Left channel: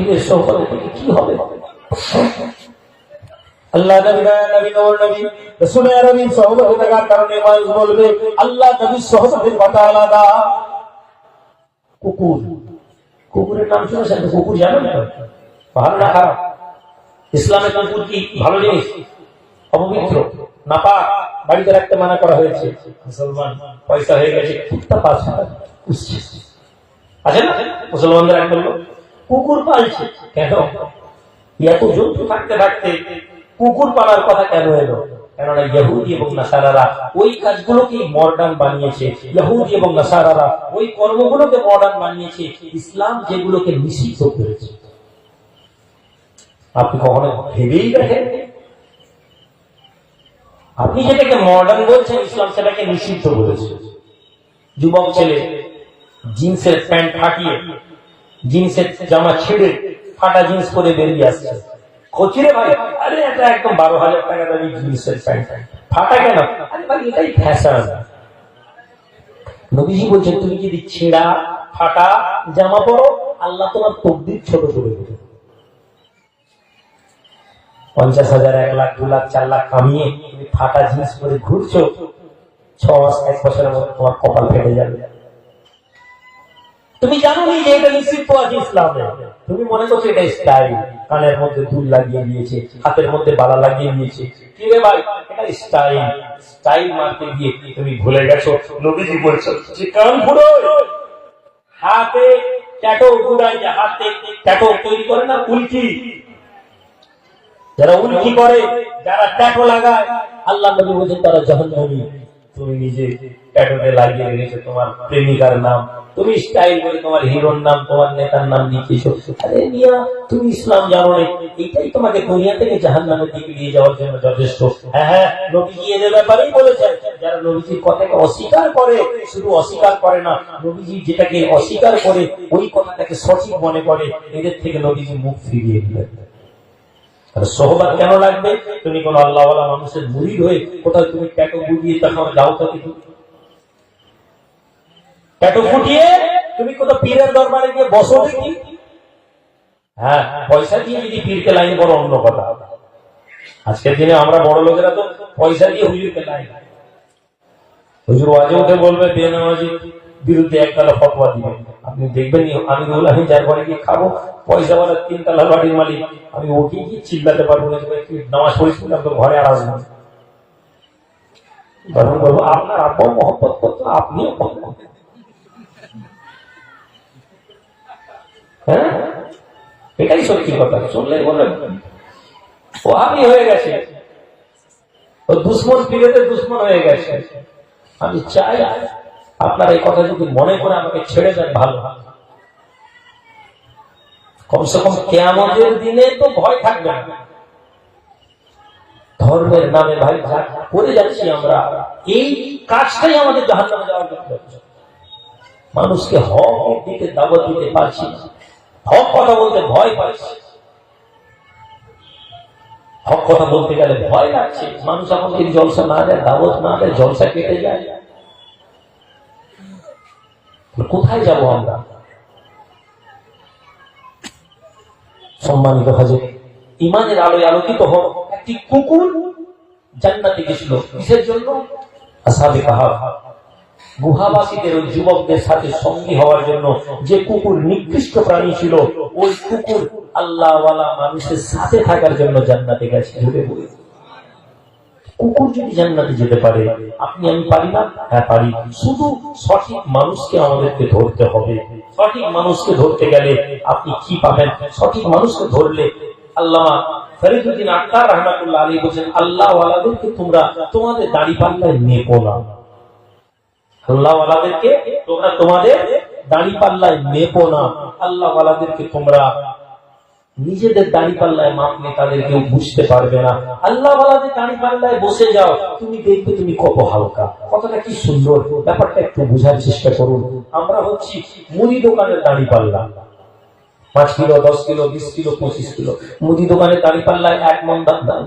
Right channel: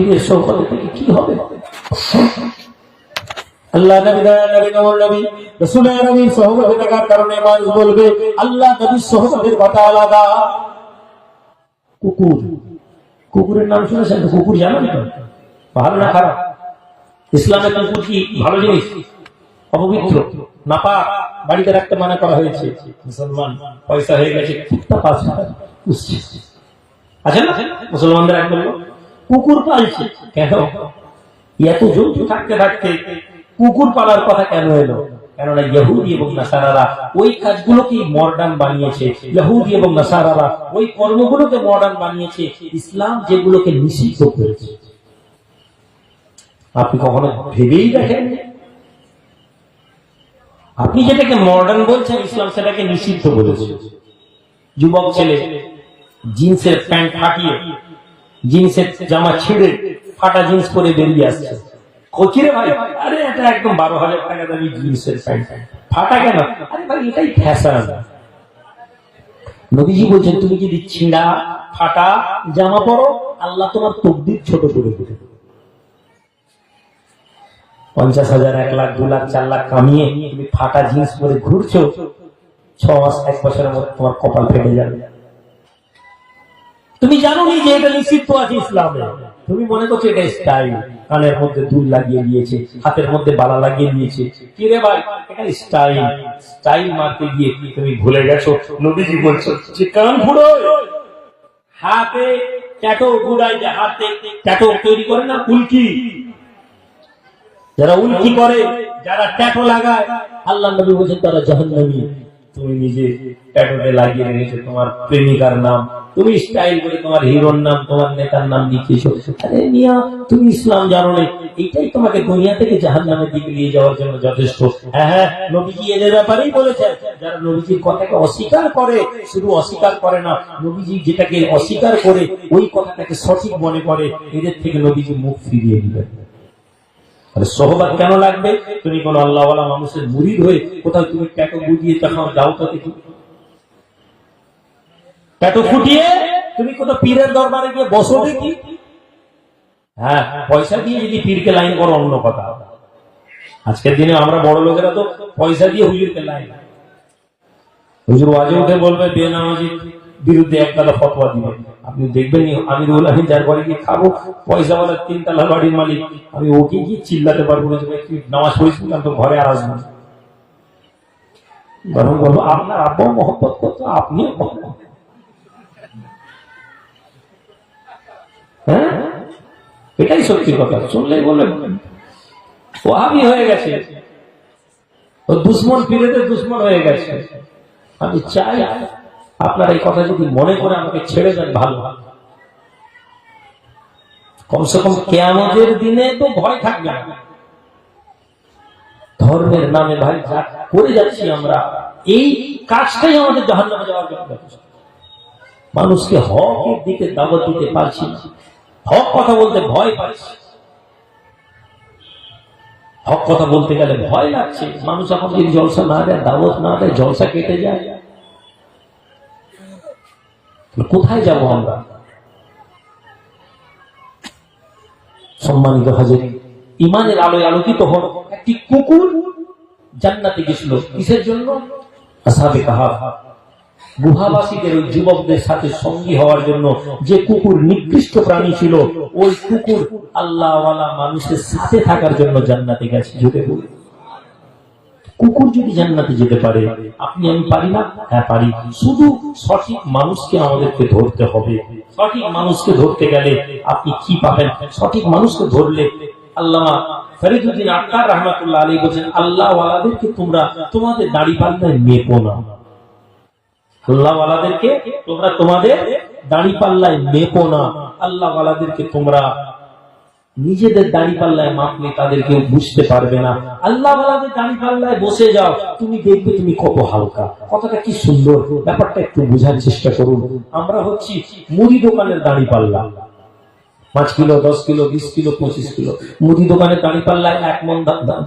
পীরের সহকারে থেকে কি হবে? আল্লাহ নবী নবী নবী ইসলামের কুকুর কি ভালো জিনিস? অপবিত্র। নাপা বাড়িতে রাখতে মানা করা হয়েছে। মুসলমান। পয়সা হয়ে গেছে। আছে না মুসলমানদের এক কুকুর পালছে। কেন? এত জন্তু থাকতে থাকতে কুকুর পালার কথা কেন এলো? কেননা ইহুদি এবং নাসারারা ওই কাজগুলোকে মডার্ন বানিয়েছে। ইহুদি এবং নাসারারা ওই কর্মগুলোকে মডার্ন বানিয়েছে। ইসলাম যেগুলোকে নিষিদ্ধ করেছে। আপনি কখনো ভেবেই দেখেন? আপনি যেটাকে মডার্ন বলছেন, ইসলাম সেটাকে নিষিদ্ধ করেছে যুবক ছেলে জিন্সের প্যান্ট ফাটিয়ে জিন্সের জামা ছেড়ে ফাটা জিন্স পরে বেরিয়ে আসছে। পঞ্চাশ হাজার, এক লাখ, দু লাখ, চার লাখ কামিয়ে তুমি ফাটা জিন্স পরে ঘুরছো, ছ মাস, এক বছরের মধ্যে তোমার কপাল ফেটে যাবে। তুমি জানো নি যে এটা নিষিদ্ধ আছে ইসলামে? তুমি মনে করছ এটা স্টাইল? কানের মধ্যে দুল লাগিয়ে দিয়েছে, হাতের মধ্যে বালা লাগিয়ে দিয়েছে। কি রে ভাই? এটা স্টাইল। স্টাইল মারতে গিয়ে তুমি ভুলে গেছো, নবীজি বলছো, যে কারণ ভুলো হাতে ট্যাটো যে হাতে ট্যাটো তৈরি করে না, উল্কি। যারা উল্কি করে, যারা ট্যাটো লাগায়, আল্লাহ নবী বলছেন তারা জাহান্নামী। তুমি নিজে ট্যাটোতে লাগিয়ে রেখেছো, তোমার প্রেমিকার নাম। তুমি স্টাইল করে তোমার হিরোর নাম, তোমার নেতার নাম লিখেছো। আরে মিয়া, তুমি ইসলাম জানো এটাই তোমাকে দুনিয়া থেকে জাহান নামের দিকে নিয়ে যাওয়ার জন্য যথেষ্ট। হ্যাঁ হ্যাঁ নবীজি এদের ব্যাপারেই বলেছেন? যারা নবীজির কথাকে অস্বীকার করে, শুধু অস্বীকার করে না, নবীজি যেটাকে অস্বীকার করে, ওই কথাটাকে সঠিক মনে করে, এদের থেকে নবীজি মুখ ফিরিয়ে দিলেন সহবাদ কেন লাগবে? তুমি কোন আল্লাহওয়ালা মানুষের মুড়ি হয়ে কোথাও তুমি ট্যাটো বুঝিয়ে তখন যাও তো কিছু ট্যাটো ফুটিয়ে তুমি কোথাও পীরের দরবারে গিয়ে বসো দেখি হ্যাঁ পয়সা দিয়ে যদি পীরকে লাইন করো অন্য কথা। আজকের দিনে আমরা বড় লোকেরা তো পয়সা দিয়ে হুজুরকে লাইন হুজুর ওয়াজে বলবে বিরুদ্ধে একতলা ফতোয়া দিবে আপনি দেখবেন আমি আমি যার ঘরে গিয়ে খাব, পয়সা বলে তিন তালা বাড়ির মালিক, আমি ওকে গিয়ে চিল্লাতে পারব তুই নামাজ পড়েছিস আমি তো ঘরে আসব যখন বলব, আপনার মহব্বত করতো হ্যাঁ? এটাই সত্যি কথা, শুনলে বলে, ওহাবি হয়ে গেছে। ও দুশ্মন পীরেদের দুশ্মন হয়ে গেছে। আমি চাই আপনার এই কথা যদি মনে করে আমাকে ছেড়ে দেন, ভালো কমসে কম কেয়ামতের দিনে তো ভয় থাকবে ধর্মের নামে ভাই, যা করে যাচ্ছি আমরা, এই কাজটাই আমাদের জাহান নামে যাওয়ার মানুষকে হকের দিকে দাওয়াত দিতে পারছি হক কথা বলতে ভয় পাচ্ছি। হক কথা বলতে গেলে ভয় লাগছে। মানুষ এখন যদি জলসা না দেয়, দাওয়াত না দেয়, জলসা কেটে যায়। কোথায় যাব আমরা? সম্মানিত হাজির, ইমানের আলোয় আলোকিত হোক একটি কুকুর জান্নাতে গেছিল কিসের জন্য? আসাবে কাহা গুহাবাসীদের ওই যুবকদের সাথে সঙ্গী হওয়ার জন্য যে কুকুর নিকৃষ্ট প্রাণী ছিল, ওই কুকুর আল্লাহওয়ালা মানুষের সাথে থাকার জন্য জান্নাতে গেছে। জুড়ে বলে কুকুর যদি জান্নাতে যেতে পারে? আপনি আমি পারি না? হ্যাঁ পারি। শুধু সঠিক মানুষকে আমাদেরকে ধরতে হবে। সঠিক মানুষকে ধরতে গেলে আপনি কি পাবেন? সঠিক মানুষকে ধরলে আল্লাহ ফরিদুদ্দিন আক্তার রহমাতুল্লাহ আলী বলছেন তোমরা, তোমাদের দাড়ি পাল্লায় মেপো না। আল্লাহ ওয়ালাদেরকে তোমরা তোমাদের দাড়ি পাল্লায় মেপো না। আল্লাহ ওয়ালাদেরকে তোমরা নিজেদের দাড়ি পাল্লায় মাপলে তাদের কেউ বুঝতে পারবে না। আল্লাহ দাড়ি পাল্লায় বসে যাও, তুমি দেখবে তুমি কত হালকা। কতটা কি সুন্দর। ব্যাপারটা একটু বোঝার চেষ্টা করুন। আমরা হচ্ছি মুদি দোকানের দাড়ি পাল্লা। পাঁচ কিলো, দশ কিলো, বিশ কিলো, পঁচিশ কিলো। মুদি দোকানের দাড়ি পাল্লায় এক মন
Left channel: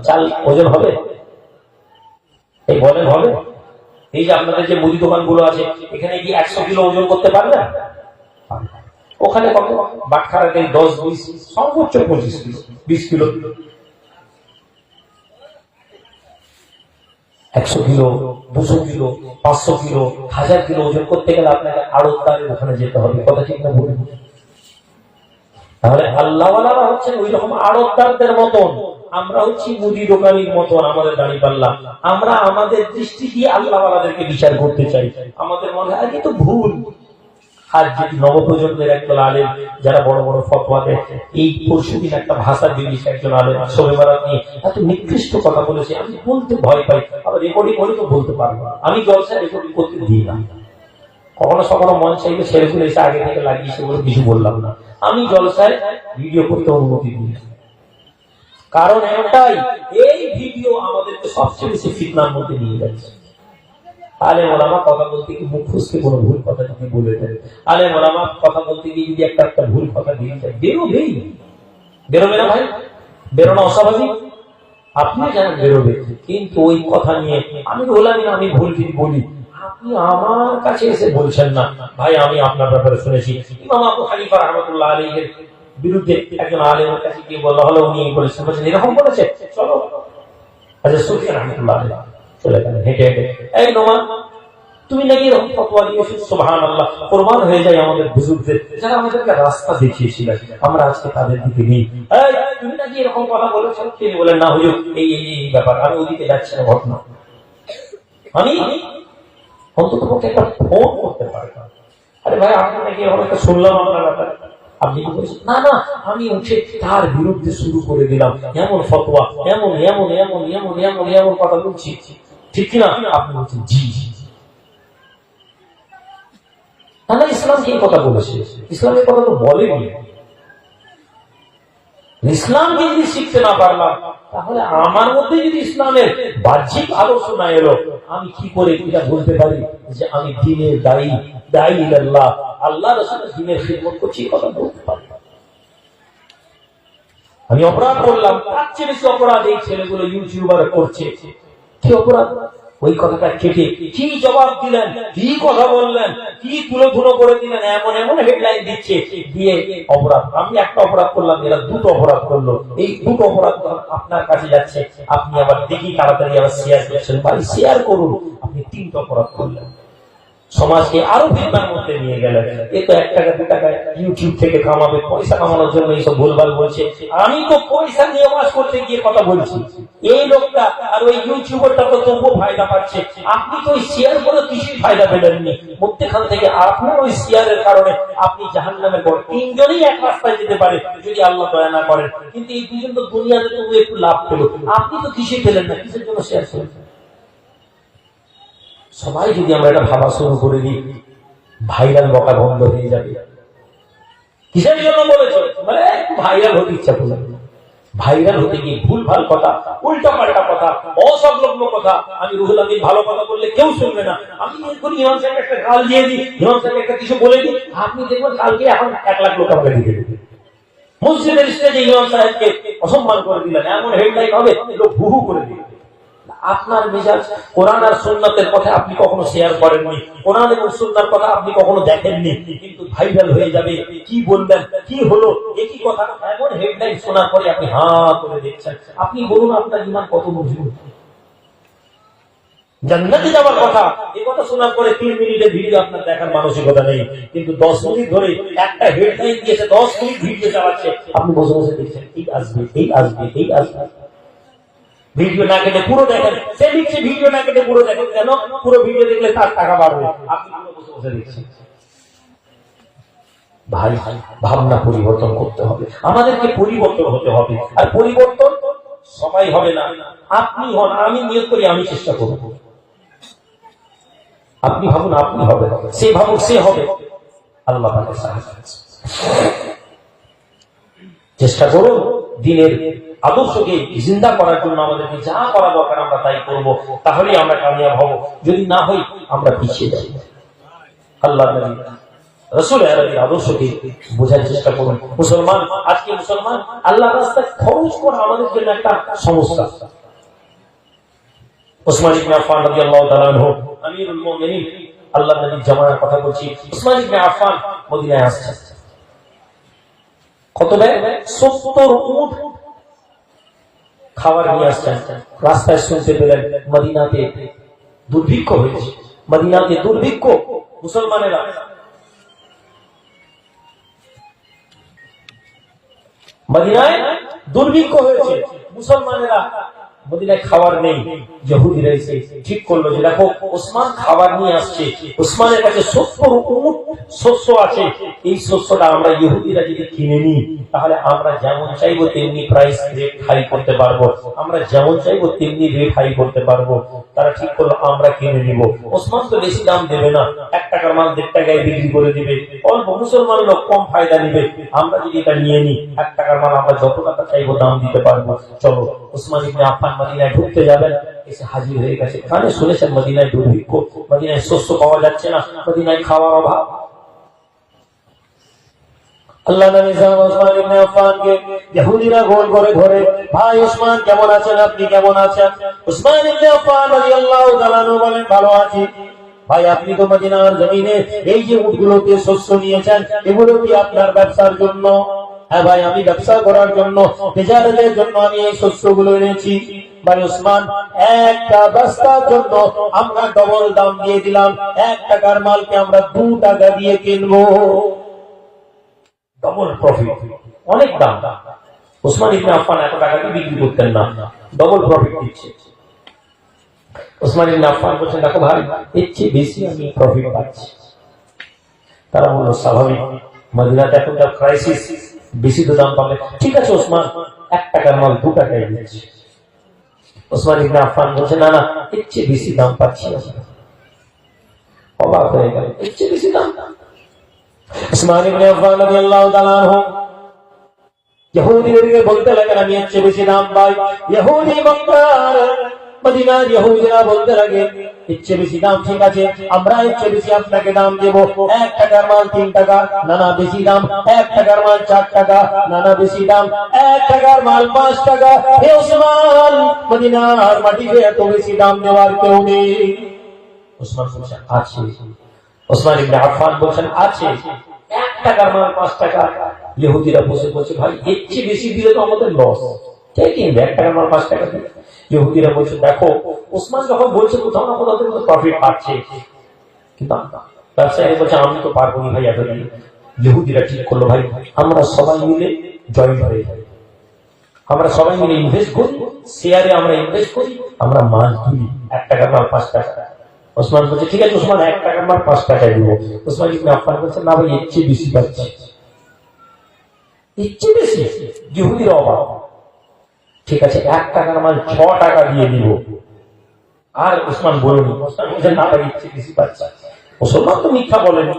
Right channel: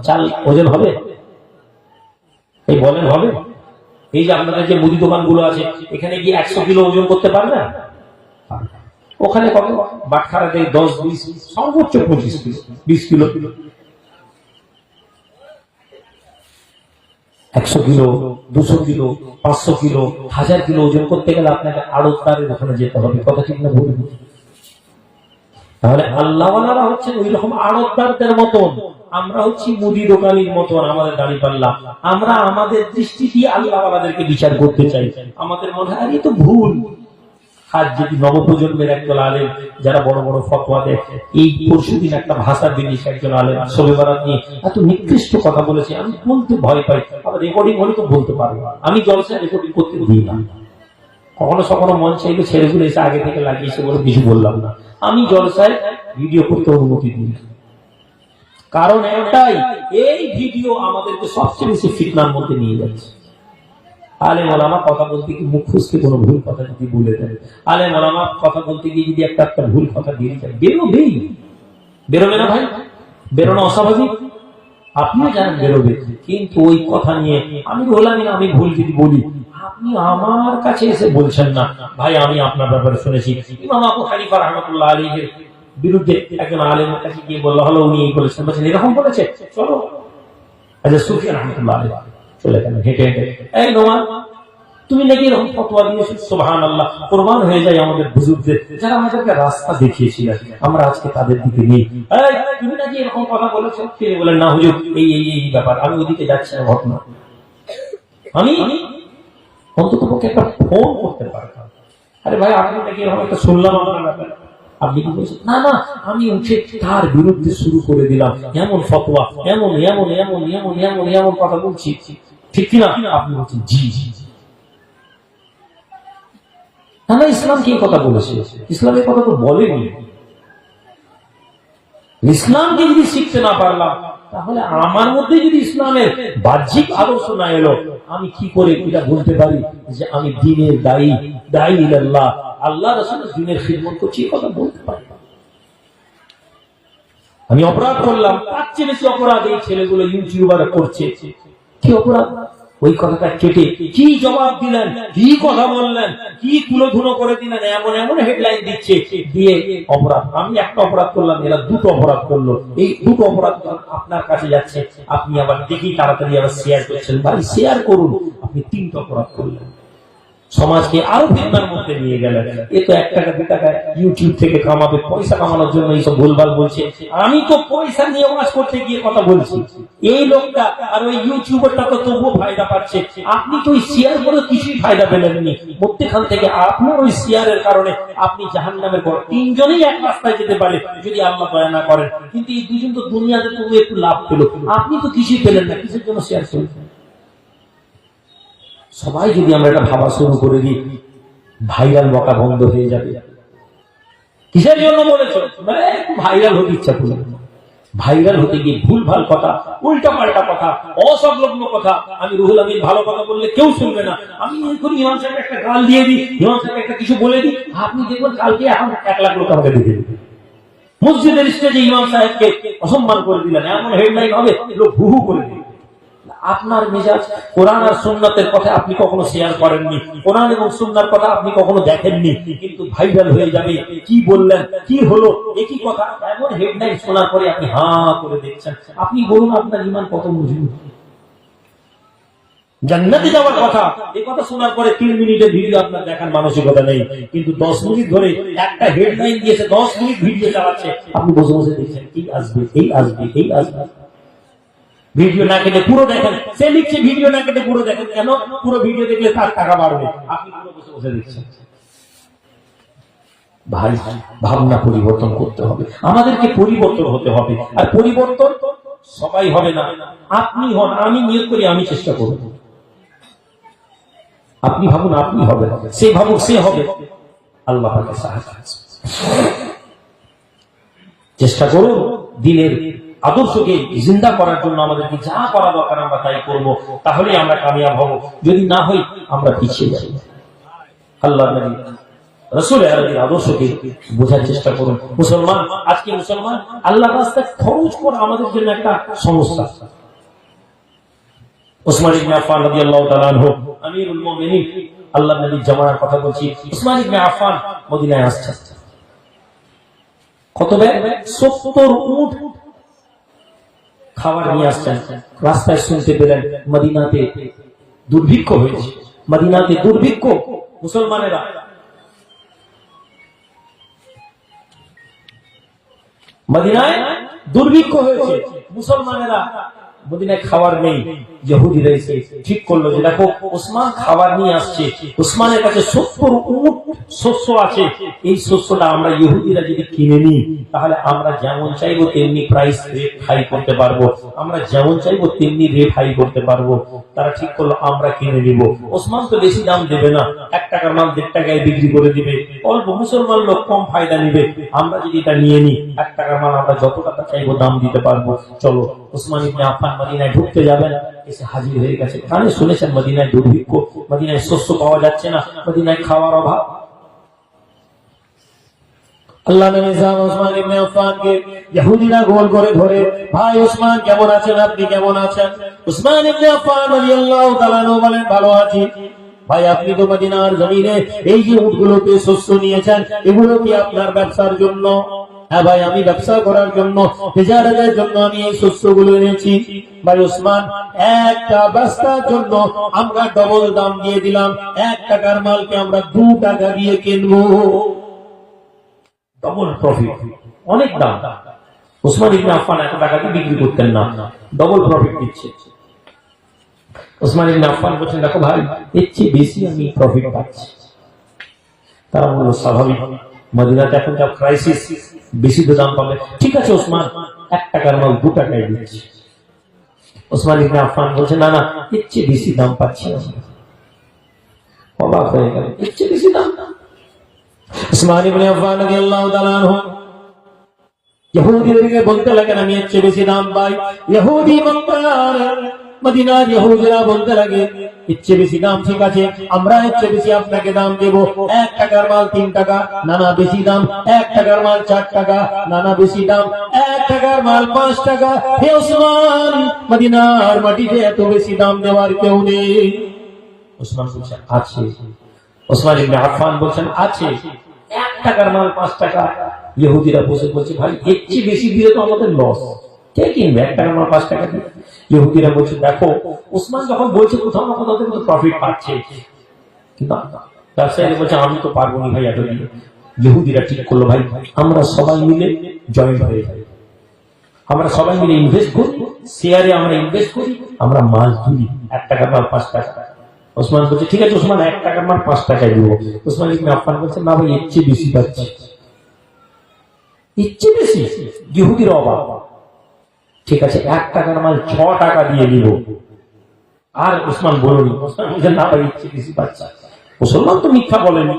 চাল ওজন হবে? এই বলেন হবে? এই যে আপনাদের যে মুদি দোকানগুলো আছে, এখানে গিয়ে একশো কিলো ওজন করতে পারবে না? ওখানে কত? বাটখারাতে দশ বিশ, সর্বোচ্চ পঁচিশ কিলো, বিশ কিলো। একশো কিলো, দুশো কিলো, পাঁচশো কিলো, হাজার কিলো ওজন করতে গেলে আপনাকে আরও তারের ওখানে যেতে হবে, কথা ঠিক না বলুন তাহলে আল্লাহওয়ালারা হচ্ছেন ওই রকম আড়তদারদের মতন। আমরা হচ্ছি মুদি দোকানির মতন আমাদের দাঁড়িয়ে পারলাম। আমরা আমাদের দৃষ্টি দিয়ে আল্লাহওয়ালাদেরকে বিচার করতে চাই। আমাদের মনে হয় তো ভুল। আর যদি নবপ্রজন্মের একজন আলেম যারা বড় বড় ফতোয়া দেয়, এই পরশু দিন একটা ভাষার জিনিস একজন আলেম সবে বেড়া নিয়ে এত নিকৃষ্ট কথা বলেছে, আমি বলতে ভয় পাই। আবার রেকর্ডিং করে তো বলতে পারব। আমি জলসা রেকর্ডিং করতে দিই না। কখনো কখনো মন চাইলে ছেড়ে ফেলে এসে আগে থেকে লাগিয়েছে বলে কিছু বললাম না। আমি জলসায় ভিডিও করতে অনুমতি দিই কারণ এটাই, এই ভিডিও আমাদেরকে সবচেয়ে বেশি ফিটনার মধ্যে নিয়ে যাচ্ছে। আলে মামা কথা বলতে কি মুখ ফুসকে কোনো ভুল কথা যদি বলে দেবে আলে মামা কথা বলতে গিয়ে যদি একটা একটা ভুল কথা দিয়ে যায় বেরোবেই। বেরোবে না ভাই? বেরোনো অস্বাভাবিক। আপনি জানেন বেরোবে, কিন্তু ওই কথা নিয়ে আমি বললাম না, আমি ভুল যদি বলি। আপনি আমার কাছে এসে বলছেন না, ভাই, আমি আপনার ব্যাপারে শুনেছি। ইমাম আবু হানিফা রহমতুল্লাহ আলীর বিরুদ্ধে একজন আলেমের কাছে গিয়ে বলা হলো, উনি এই বলেছেন, এরকম করেছে চলো। সুফিয়া রহমতুল্লাহ আলী না আমি না আমি আমি হচ্ছে তার বিরুদ্ধে শুরু করে দিলাম, এমন ফতোয়া, এমন এমন এমন এমন এমন এমন কথা বলছি। ঠিক না? আপনি বলছেন, জি না ইসলাম কি কথা বলেছে? ইসলামের কথা তো বলেনি। ইসলামকে যদি শিখতে না পারলাম, তাহলে আমার মধ্যে যদি ইসলামের বাহ্যিক আদর্শ না এলো, আমি কি করে এটা বলতে পারি যে আমি দিনের দায়ী দায়ী আল্লাহ আল্লাহ রসুলের দিনের খিদমত করছি, এই কথা বলতে পারি আমি অপরাধ করলাম, তার চেয়ে বেশি অপরাধ এই ছেলেগুলো ইউটিউবার করছে। কি অপরাধ? ওই কথাটা কেটে কি জবাব দিলেন? কি কথা বললেন? কি তুলো করে দিলেন? এমন এমন হেডলাইন দিচ্ছে দিয়ে অপরাধ। আমি একটা অপরাধ করলাম, এরা দুটো অপরাধ করল। এই দুটো অপরাধ আপনার কাছে যাচ্ছে। আপনি আবার দেখি তাড়াতাড়ি আবার শেয়ার করছেন। ভাই শেয়ার করুন। আপনি তিনটা অপরাধ করলেন। সমাজকে আরও ফিতনার মধ্যে নিয়ে গেলেন এ তো এক টাকা, দু টাকা ইউটিউব থেকে কামাবে পয়সা কামানোর জন্য এইসব ভুলভাল বলছে। আমি তো পয়সা দিয়ে ওয়াজ করতে গিয়ে কথা বলছি। এই লোকটা আর ওই ইউটিউবারটা তো তবুও ফায়দা পাচ্ছে। আপনি তো ওই শেয়ারগুলো কিছুই ফায়দা পেলেননি। মধ্যখান থেকে আপনি ওই শেয়ারের কারণে আপনি জাহান নামের পর তিনজনই এক রাস্তায় যেতে পারে, যদি আল্লাহ দয়া না করেন। কিন্তু এই দুজন তো দুনিয়াতে তবু একটু লাভ পেল। আপনি তো কিছুই পেলেন না কিসের জন্য শেয়ার করেছেন সবাই যদি আমরা এটা ভাবা শুরু করে দিই, ভাইরাল বকা বন্ধ হয়ে যাবে। কিসের জন্য বলেছ? মানে একটু ভাইরাল হতে ইচ্ছা করলাম। ভাইরাল হতে গিয়ে ভুল ভালো কথা উল্টা পাল্টা কথা, অসংলগ্ন কথা, আমি রুহুল আমিন ভালো কথা বললে কেউ শুনবে না। আমি করি ইমাম সাহেব একটা গাল দিয়ে দিই ইমাম সাহেব একটা কিছু বলে দিই, আপনি দেখবেন কালকে এখন এক লাখ লোক আমাকে দিয়ে দেবে মসজিদের স্টেজে ইমাম সাহেবকে অসম্মান করে দিলেন, এমন হেডলাইন হবে লোক হু হু করে দিবে আপনার মেজাজ কোরআন আর সুন্নাতের কথা আপনি কখনো শেয়ার করেননি। কোরআন এবং সুন্নার কথা আপনি কখনো দেখেননি। কিন্তু ভাইরাল হয়ে যাবে। কি বললেন? কি হলো? একই কথা এমন হেডলাইন শোনার পরে আপনি হা করে দেখছেন। আপনি বলুন আপনার ইমান কত মজবুত? জান্নাতে যাওয়ার কথা এই কথা শোনার পরে তিন মিনিটের ভিডিও আপনার দেখার মানসিকতা নেই। কিন্তু দশ মিনিট ধরে একটা হেডলাইন দিয়েছে, দশ মিনিট ভিডিও চালাচ্ছে। আপনি বসে বসে দেখছেন, এই আসবে এই আসবে এই আসবে। ভিডিও না কেটে পুরো দেখেন। সে লিখছে ভিডিও না কেটে পুরো দেখেন। কেন? পুরো ভিডিও দেখলে তার টাকা বাড়বে। আপনি পুরো বসে বসে দেখছেন। ভাই, ভাবনা পরিবর্তন করতে হবে। আমাদেরকে পরিবর্তন হতে হবে। আর পরিবর্তন সবাই হবে না। আপনি হন, আমি নিয়োগ করি, আমি চেষ্টা করব। আপনি ভাবুন, আপনি হবে সে ভাবুক, সে হবে। আল্লাহ চেষ্টা করুন দিনের আদর্শকে জিন্দা করার জন্য আমাদেরকে যা করা দরকার আমরা তাই করব তাহলে আমরা কামিয়াব হব। যদি না হই আমরা পিছিয়ে যাই। আল্লাহ কথা বলছি। কত ব্যাগ সত্তর উঠ খাবার নিয়ে আসছেন রাস্তায় শুনতে পেলেন মদিনাতে দুর্ভিক্ষ হয়েছে। মদিনাতে দুর্ভিক্ষ মুসলমানেরা। মদিনায় দুর্ভিক্ষ হয়েছে মুসলমানেরা। মদিনায় খাবার নেই। ইহুদিরা এসে ঠিক করল যে দেখো ওসমান খাবার নিয়ে আসছে। ওসমানের কাছে সত্তর উট শস্য আছে এই শস্যটা আমরা ইহুদিরা যদি কিনে নিই, তাহলে আমরা যেমন চাইব তেমনি প্রাইস রেট হাই করতে পারব। আমরা যেমন চাইব তেমনি রেট হাই করতে পারব। তারা ঠিক করল, আমরা কিনে নিব। ওসমান তো বেশি দাম দেবে না। এক টাকার মাল দেড় টাকায় বিক্রি করে দিবে। অল্প মুসলমান লোক কম ফায়দা নিবে। আমরা যদি এটা নিয়ে নিই, এক টাকার মাল আমরা যত টাকা চাইব দাম দিতে পারব। চলো, ওসমান ইবনে আফফান মদিনায় ঢুকতে যাবেন। এসে হাজির হয়ে গেছে। কানে শুনেছেন মদিনায় দুর্ভিক্ষ? মদিনায় শস্য পাওয়া যাচ্ছে না। মদিনায় খাওয়ার অভাব? আপনি? তো মদিনার জমিনে এই যে শস্য নিয়েছেন, এগুলো কি আপনার ব্যবসার জন্য? হ্যাঁ ভাই, আমি ব্যবসা করার জন্য জন্য আমি এই শস্যগুলো এনেছি। ভাই ওসমান একটা বস্তার জন্য আমরা ডবল দাম দিয়ে দিলাম। এক টাকার মালকে আমরা দু টাকা দিয়ে কিনবো। ডবল প্রফিট অনেক দাম। ওসমান ইবনে আফফান এত টাকা দিয়ে বিক্রি করতেন না ডবল প্রফিট দিচ্ছে। ওসমান ইবনে আফফান বলছেন, দেখো ভাই, এর চেয়ে বেশি আমি প্রফিট পাচ্ছি। তারা বলল, স্বাভাবিক। মদিনাতে এখন যা ক্রাইসিস বেশি তো দাম পাবে। ঠিক আছে ওসমান, এক টাকার মাল দু টাকায় দিচ্ছি। ওসমান ইবনে আফফান বলছে না না, এর চেয়ে বেশি দাম পাচ্ছি অবাক হয়ে গেল, এর চেয়ে বেশি দাম উসমান ইবনে আফফান রাদিয়াল্লাহু তাআলা আনহু ইহুদিদেরকে বলতে লাগেন আমি এর চেয়ে বেশি দাম পাই ইহুদি মক্কা মদিনার ইহুদিরা বলতে লাগে এর চেয়ে বেশি দাম ঠিক আছে আমরা এর চেয়ে বেশি আপনাকে দাম দেব এক টাকার মাল তিন টাকা না না বেশি দাম এক টাকার মাল চার টাকা না না বেশি দাম এক টাকার মাল পাঁচ টাকা হে ওসমান মদিনার মাটিতে এত বেশি দাম দেওয়ার কেউ নেই ওসমান বলছেন আছে ওসমান ইবনে আফফান আছে, এক টাকার মাল, পাঁচ টাকা। ইহুদিরা বসে ভাই, এর চেয়ে বেশি দিলে তো আমাদের লস। এক টাকার মাল টাকা ইহুদিরা দেখো, ওসমান যখন বলছে কোথাও না কোথাও প্রফিট পাচ্ছে। কিন্তু আমি তো পারব না ভাই এত দিয়ে ইহুদিরা ঠিক করল, ভাই, আমরা সবাই মিলে জয়েন্ট হয়ে যাই। আমরা সবাই মিলে ইনভেস্ট করি শেয়ারে আমরা ইনভেস্ট করি, আমরা মাছ ধরি এক টাকা মাল, পাঁচ টাকা। ওসমান বলছে, ঠিক আছে, ওসমান, এক টাকা মাল পাঁচ টাকায় দিব। ওসমান ইবনে আফফান বলছে, না ভাই এর চেয়ে বেশি পাচ্ছি। চেয়ে বেশি? ইহুদির অভাব। ঠিক আছে, এক টাকার মাল ছ টাকা দিয়ে দিব আর ওসমান বলুন, ওসমান বলছে, না ভাই চেয়ে বেশি পাচ্ছি। মুসলমান তো মিথ্যা বলেনি।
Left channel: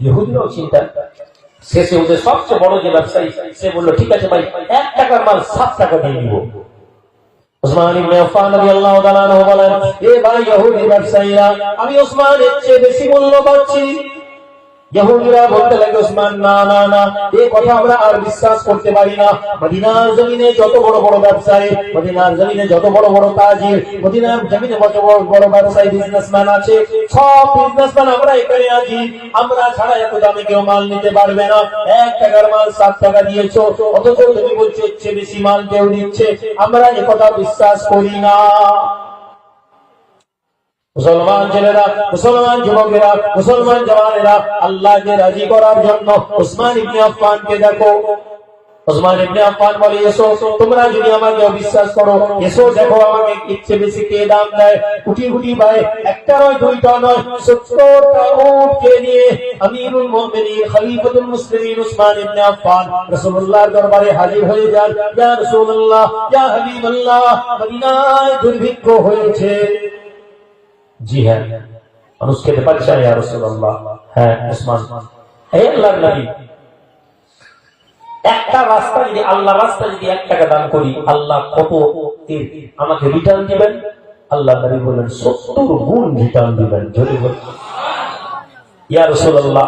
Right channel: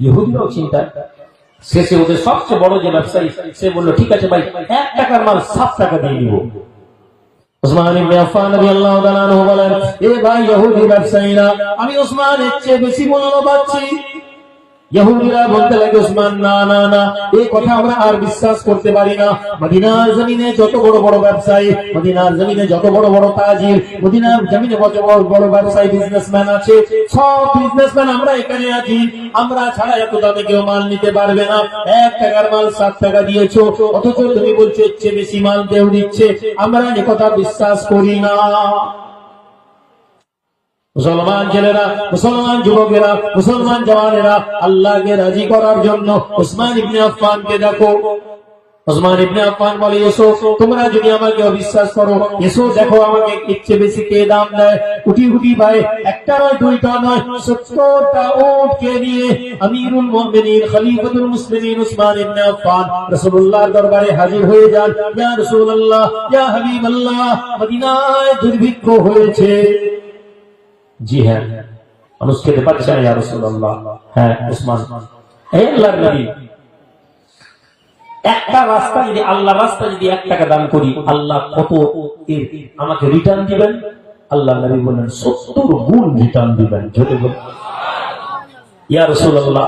ইহুদিরও চিন্তা। শেষে ওদের সবচেয়ে বড় যে ব্যবসায়ী, সে বলল, ঠিক আছে ভাই, এক টাকার মাল সাত টাকা দিয়ে দিব। উসমান ইবনে আফফান রাদিয়াল্লাহু তাআলা বলেন, এ ভাই ইহুদি ব্যবসায়ীরা, আমি উসমানের চেয়ে বেশি মূল্য পাচ্ছি ইহুদিরা বলতে লাগে ওসমান না না না এই কথা আমরা আর বিশ্বাস করতে পারি না। মদিনার জমিনে যত বড় বড় ব্যবসায়ী, মদিনার জমিনে যত বড় বড় তাজির, মদিনার জমিনে যত বড় বড় ব্যবসায়ী বিজনেসম্যান আছে, সব বিজনেসম্যান আমরা এখানে আছি। আমরা ছাড়া এত দামে কেউ মাল নিতে পারবে না। এক টাকার মাল সাত টাকা দিয়েছ, অথচ তুমি বলছো, এর চেয়ে বেশি মাল কেউ দিচ্ছে আমরা একথা বিশ্বাস করি না। মুসলমান ছেলেরা, মুসলমান যুবকেরা, মুসলমান জওয়ানেরা, আল্লাহকে রাজি করার জন্য উসমান ইবনে আফফানকে দেখো। উসমান ইবনে আফফান বলে, এসো, তোমরা যদি আমাকে অবিশ্বাস করো, এসো দেখো আমাকে ইচ্ছে বেশি কে দাম দেয়? কুটি কুটি ভাই একটা নয়, দুইটা নয়, সত্তরটা উটকে নিয়ে? আমিরুল মুমিনিন, খলিফাতুল মুসলিমিন উসমান ইবনে আফফান রাসূলুল্লাহর দরবারে হাজির হয়ে যান। ইয়া রাসূলুল্লাহ, ইয়া হাবিবাল্লাহ, মদিনায় দুর্ভিক্ষ হয়েছে। জি হ্যাঁ। মানুষ খেতে পারছে হ্যাঁ উসমান। একটা রাস্তা যদি আল্লাহ রাস্তা যদি এক টাকা দান করি, আল্লাহ কত আমাকে রিটার্ন দিবেন? আল্লাহ নবী বলেন, সত্তর গুণ রিটার্ন দিবেন, যদি ইয়া রাসূলুল্লাহ,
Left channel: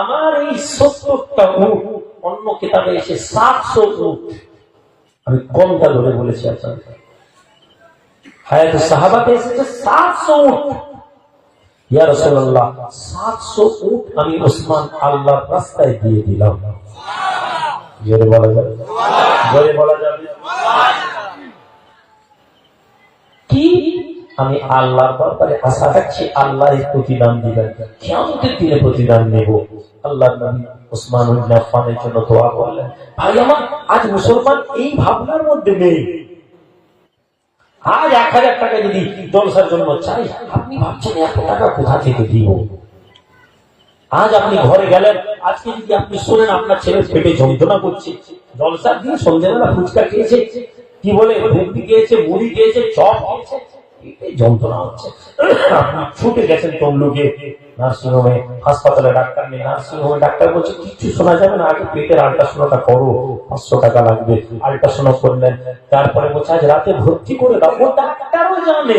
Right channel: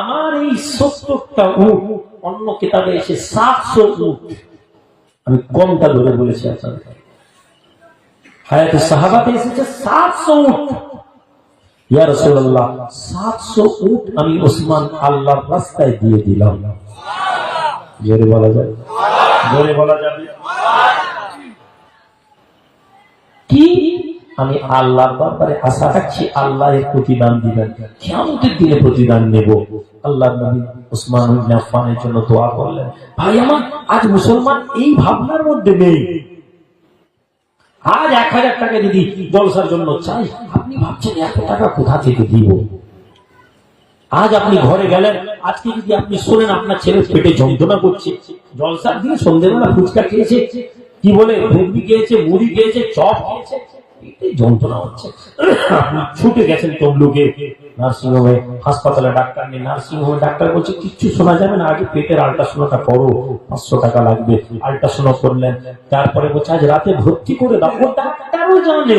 আমার এই সত্তরটা উট অন্য কিতাবে এসে সাতশো উট আমি কমটা ধরে বলেছি আপনাদের। হায়াত সাহাবাতে এসেছে সাতশো উট ইয়া প্রতিদান দিবেন। কেমতের দিনে প্রতিদান নেব। আল্লাহ ওসমান জন্য করলেন। ভাই, আমার আজ মুসলমান এই ভাবনার মধ্যে নেই। আজ এক হাজার টাকা যদি জলসার জন্য চাই, আপনি ভাবছেন এত টাকা কোথা থেকে দিব? আজ আপনি ঘরে গেলেন, আজকে যদি আপনি শোনেন আপনার ছেলে পেটে যন্ত্রণা করছে জলসার দিন সন্ধ্যেবেলা ফুচকা খেয়েছে, কি বলে, ঘুগনি খেয়েছে, মুড়ি খেয়েছে, চপ খেয়েছে। যন্ত্রণা হচ্ছে। ছুটে গেছেন তমলুকে নার্সিংহোমে, হাসপাতালে ডাক্তার নার্সিংহোমে ডাক্তার বলছে, কিচ্ছু শোনা যাবে না, আগে পেটের করো, পাঁচশো টাকা লাগবে করলেন, তারপরে বলছে, আজ রাতে ভর্তি করে ডাক্তারও জানে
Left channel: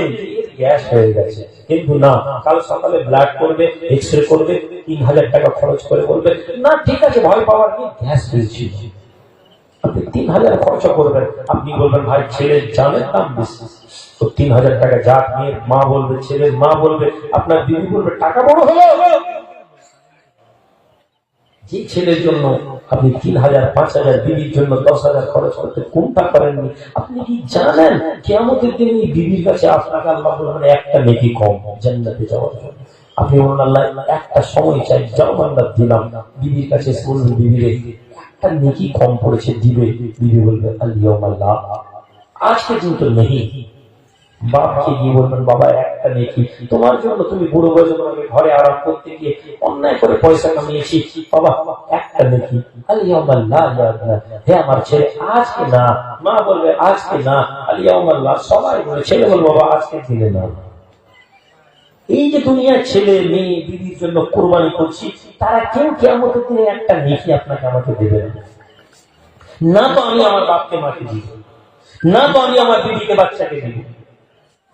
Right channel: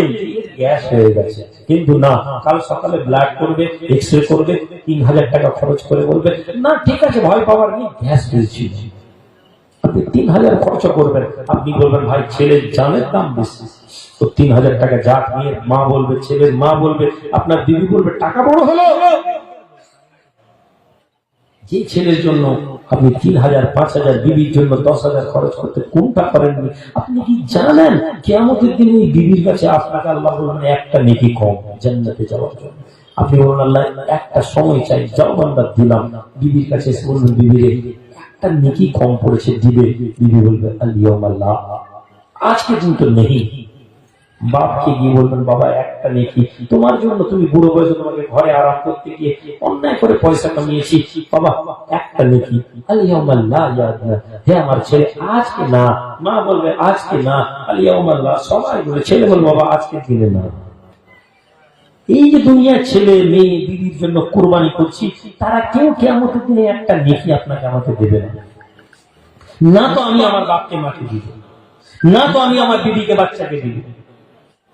গ্যাস হয়ে গেছে। কিন্তু না, কাল সকালে ব্লাড করবে এক্স রে করবে, তিন হাজার টাকা খরচ করে বলবে, না, ঠিক আছে, ভয় পাওয়ার নেই, গ্যাস হয়েছে আপনি তিন হাজার পাঁচ হাজার বিবির জন্য দশ হাজার খরচ করতে কোনটা করেননি আপনি কি জানেন? কেমতের দিন এই বিবির কাছে আপনাকে একটা নেকি কম, জান্নাতে যাওয়ার জন্য। আপনি বলুন একটা সময় চাই, যাও আমরা দিলাম। বিবির কাছে বিবিরে একটা নেকি কম পড়েছে দিবে বিবি বলবে আজকে কিন্তু নেই। বাপকে গিয়ে বলবেন, বাবা, একটা নেকি। তোমার জন্য তুমি বুড়ো বয়সে তোমাকে ঘরে আরাম করতে গিয়ে অন্যায় করে পয়সা কামিয়েছি। বাবা, একটা নেকি। আলিয়ামাল্লাহ হে আমার ছেলে, আজকে না। মা বলবে, আজকে না। আলিয়ামাল্লাহ সবাই বলে, ছেলে বলবে, বাবা আজকে দিলে না। এই যে দুনিয়ার ছেলে, মেয়ে, দিদির জন্য কোরবানি করছি, তারা কেউ কেমন দিনে একটা নেকি আপনাকে আমাকে দেবে না। না তো আমি আমার বাপকে, মাকে দিব। না তো আমি আমার দিদিকে, বাচ্চাকে দিব।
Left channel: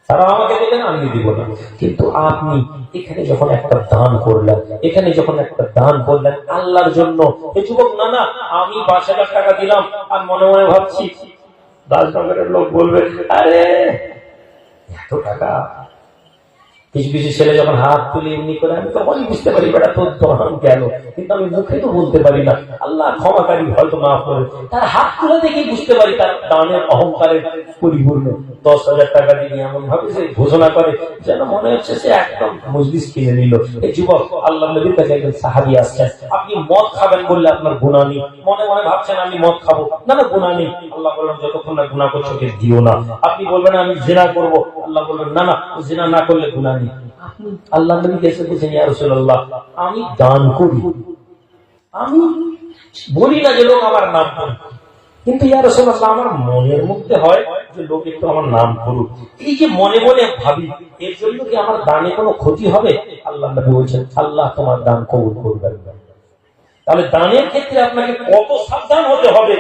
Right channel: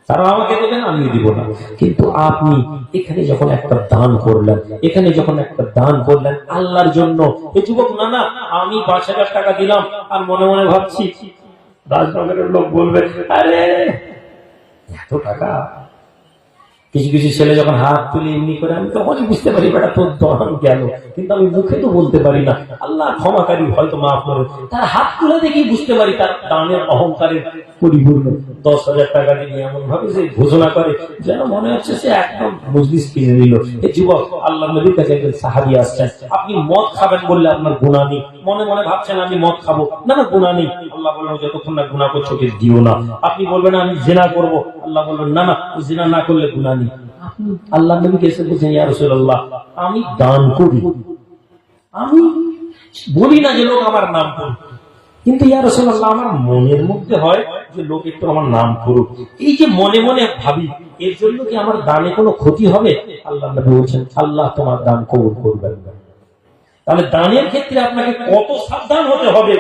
তারা আমাকে দেবেন আমি দিব না। কিন্তু আপনি এখানে যখন একটা দান করলেন, এখানে যখন একটা দান করলেন আল্লাহর জন্য, এ যুবক না না আমি পাঁচ হাজার টাকা দিলাম, আর মনে মনে ভাবছি রাজনগরের লোক বলবে, আরে, এত টাকা কিছু কিছু ছেলে যখন হাত তুলে এমনি করে, আমি তখন বুঝতে পারি এটা তোর দহন গেল কিন্তু আমি মুখে তো বলতে পারি না। আল্লাহ ক্ষমাকারী হয়তো মাফ করে। তার হাত তুলে দেখেই বুঝতে পারি তার দানের অহংকারের পরিপূর্ণ। দশ হাজার টাকা দিয়ে এমন ভাবে সে ঘোষণা করে, যেন মনে হচ্ছে সে একদম মজলিস কিনে নিল। এই যুবক আল্লাহ নবীর কাছে একজন সাহাবি আসছেন। আপনি মদ খাবেন বললে আপনার গুণা নেই। মনে মনে ভাবছেন, আমি মদ খাব। না না গুণা নেই। আল্লাহ বলবেন যতক্ষণ না গুণা করছ দিও না। আপনি বলবেন, আমি জেনা করব। আল্লাহ বলবেন, না না, জেনা না করলে গুণা নেই। আল্লাহ নবীকে এসে বলছেন ইয়া রাসূলুল্লাহ আমি দান করি। আমি বলি না যে লোক আমার নাম করুক। কিন্তু ইয়া রাসূলুল্লাহ, আমার মনের মধ্যে হয় যে লোক একটু আমার নাম করুক। এই যে মনে মনে ভাবি, এর জন্য কি আমার দানে কোনো ক্ষতি হবে? আল্লাহ নবী বলছেন, আল্লাহ তোমার দান কবুল করবেন তাহলে দানের ক্ষেত্রে আপনাকে কত সাবধান হতে হবে।